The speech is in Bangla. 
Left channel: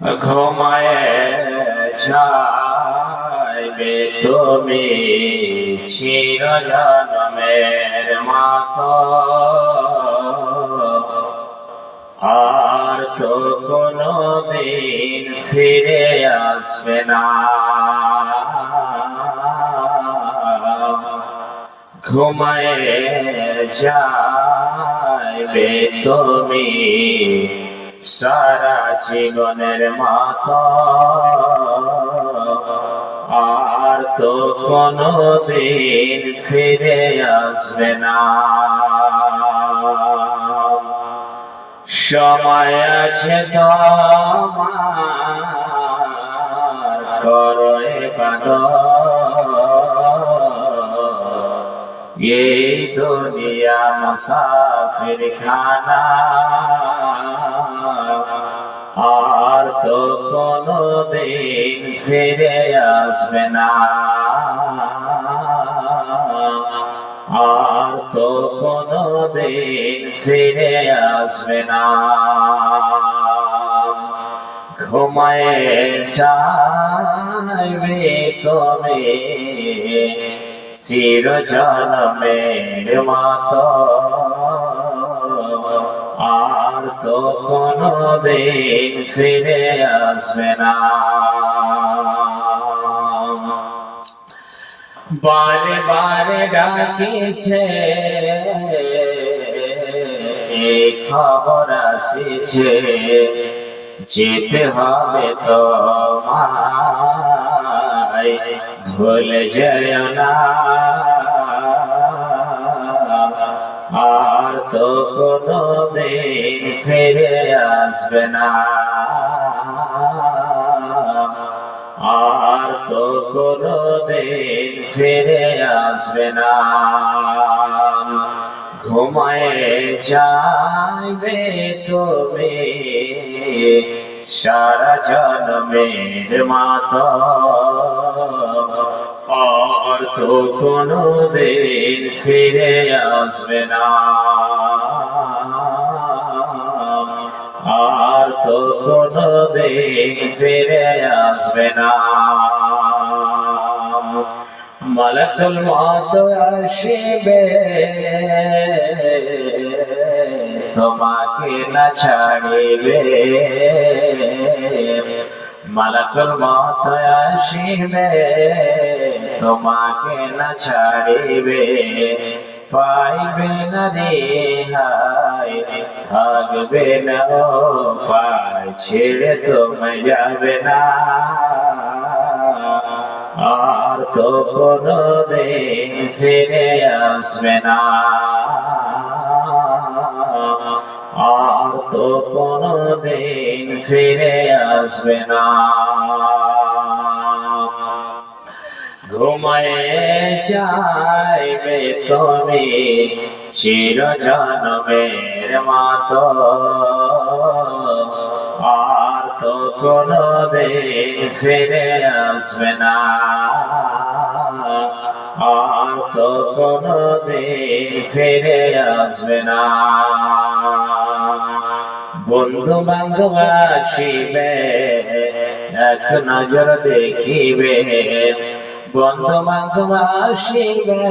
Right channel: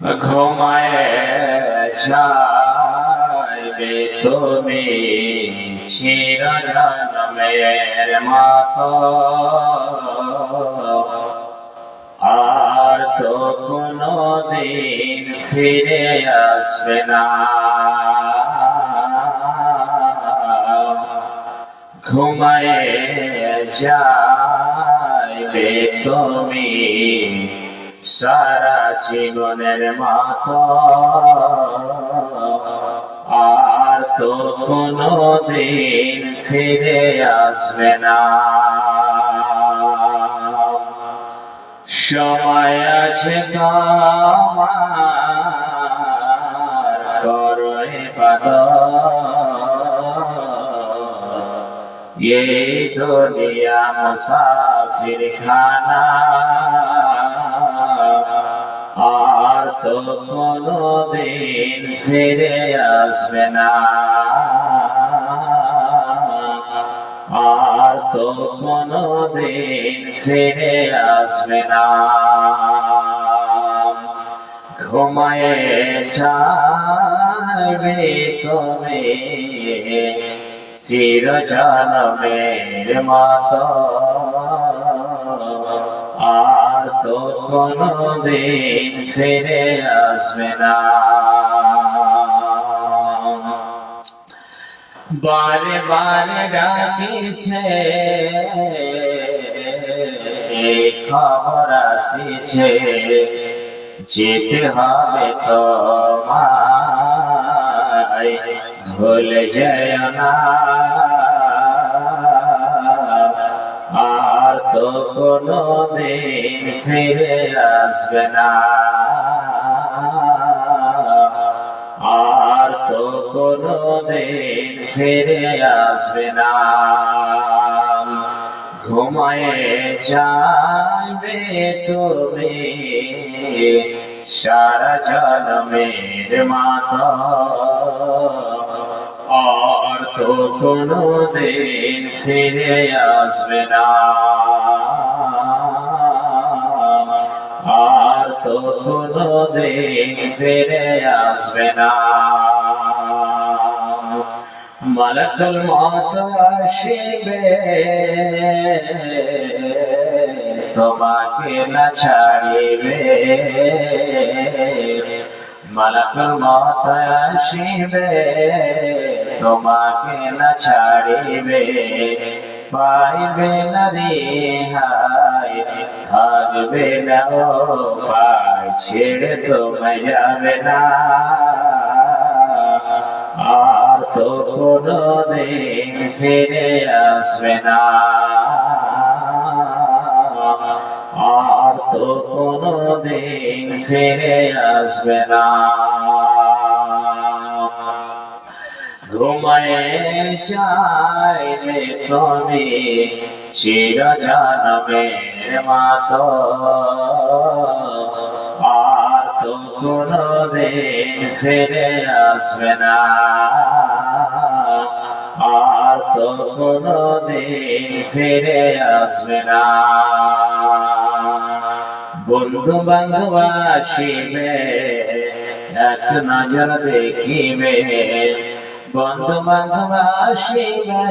ঘুমায়ে যাইবে তুমি চিরজন্মের মতো, আর তো কোনদিন ফিরে আসবে না। ঘুমায়ে যাইবে তুমি সারা জীবনের মতো, আর তো কোনদিন ফিরে আসবে না। সময় আছে তোমার, করো ইবাদত, এই দুনিয়া মুসাফির খানা, আর তো কোনদিন ফিরে আসবে না। আর তো কোনদিন ফিরে আসবে না। ঘুমায়ে যাইবে তুমি চিরজন্মের মতো, আর তো কোনদিন ফিরে আসবে না। বারে বারে ডাকিছে, এই খবর আসিছে, যেতে হবে তোমায়, ভুলে যেও না। আর তো কোনদিন ফিরে আসবে না। আর তো কোনদিন ফিরে আসবে না। ঘুমায়ে যাইবে তুমি সারা জন্মের মতো, আর তো কোনদিন ফিরে আসবে না। আর তো কোনদিন ফিরে আসবে না। মালাকুল মউত আসিবে, তোমাকে না ছাড়িবে। মালাকুল মউত আসিবে, তোমাকে না ছাড়িবে। পাইবে না রেহাই, থাকবে না উপায়, ছেড়ে তোমায় যাবে না। আর তো কোনদিন ফিরে আসবে না। আর তো কোনদিন ফিরে আসবে না। ঘুমায়ে যাইবে তুমি চিরজন্মের মতো, আর তো কোনদিন ফিরে আসবে না। আর তো কোনদিন ফিরে আসবে না। বন্ধু বান্ধব আসিবে, এক নজর দেখিবে। বন্ধু বান্ধব আসিবে,